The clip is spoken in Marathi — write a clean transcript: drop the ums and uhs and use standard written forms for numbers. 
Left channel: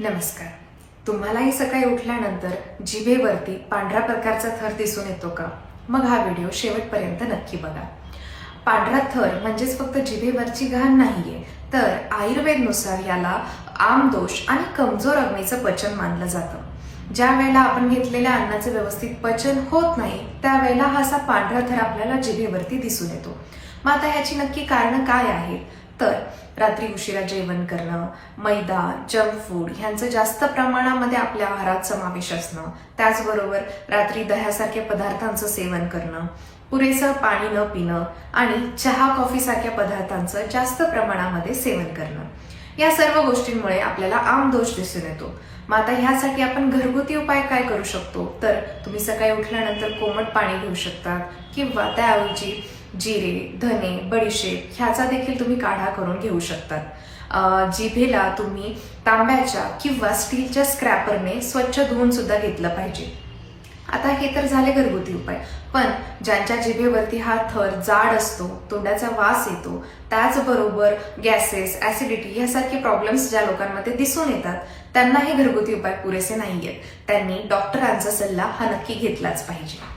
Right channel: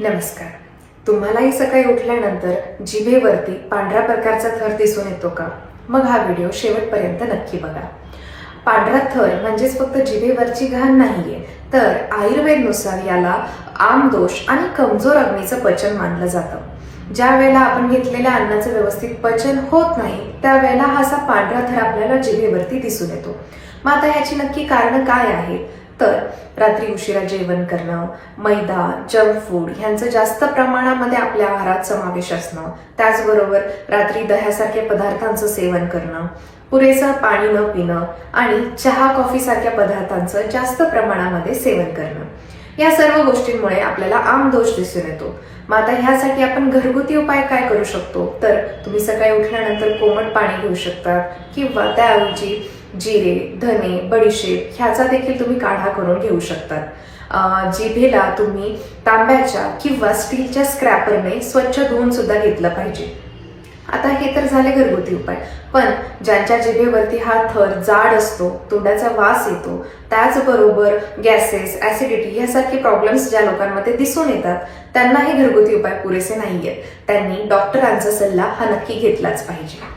नमस्कार. तुम्हालाही सकाळी उठल्यानंतर जिभेवरती पांढऱ्या प्रकारचा थर दिसून येतो का? मग हा व्हिडिओ शेवटपर्यंत नक्की बघा. पांढरा थर म्हणजेच फक्त जिभेवरची घाण नाहीये, तर आयुर्वेदनुसार याला आमदोष आणि कमजोर अग्नीचं पचन मानलं जातं. ज्या वेळेला आपण घेतलेल्या अन्नाचं व्यवस्थित पचन होत नाही, त्यावेळेला हा असा पांढरा थर आपल्याला जिभेवरती दिसून येतो. मग आता ह्याची नक्की कारणं काय आहेत? तर रात्री उशिरा जेवण करणं, मैदा, जंक फूड ह्यांचं जास्त प्रमाणामध्ये आपल्या आहारात समावेश असणं, त्याचबरोबर रात्री दह्यासारख्या पदार्थांचं सेवन करणं, पुरेसं पाणी न पिणं आणि चहा कॉफी सारख्या पदार्थांचं जास्त प्रमाणामध्ये सेवन करणं, या सर्व गोष्टींमुळे आपल्याला आमदोष दिसून येतो. मग आता ह्यासाठी आपण घरगुती उपाय काय करू शकतो? तर तुम्ही सकाळी उठल्यानंतर कोमट पाणी घेऊ शकता किंवा त्याऐवजी जिरे, धने, बडीशेप ह्याचा देखील तुम्ही काढा करून घेऊ शकतात. जिभेला तुम्ही तांब्याच्या किंवा स्टीलच्या स्क्रॅपरने स्वच्छ धुवून सुद्धा घेतलं पाहिजे. आता हे तर झाले घरगुती उपाय, पण ज्यांच्या जिभेवरती हा थर जाड असतो, तोंडाचा वास येतो, त्याचबरोबर गॅसेस, ऍसिडिटी यासारखे प्रॉब्लेम्स ज्या लोकांमध्ये दिसून येतात, त्यांना हे घरगुती उपाय पुरेसे नाहीयेत. त्यांनी डॉक्टरांचा सल्ला हा नक्की घेतलाच पाहिजे.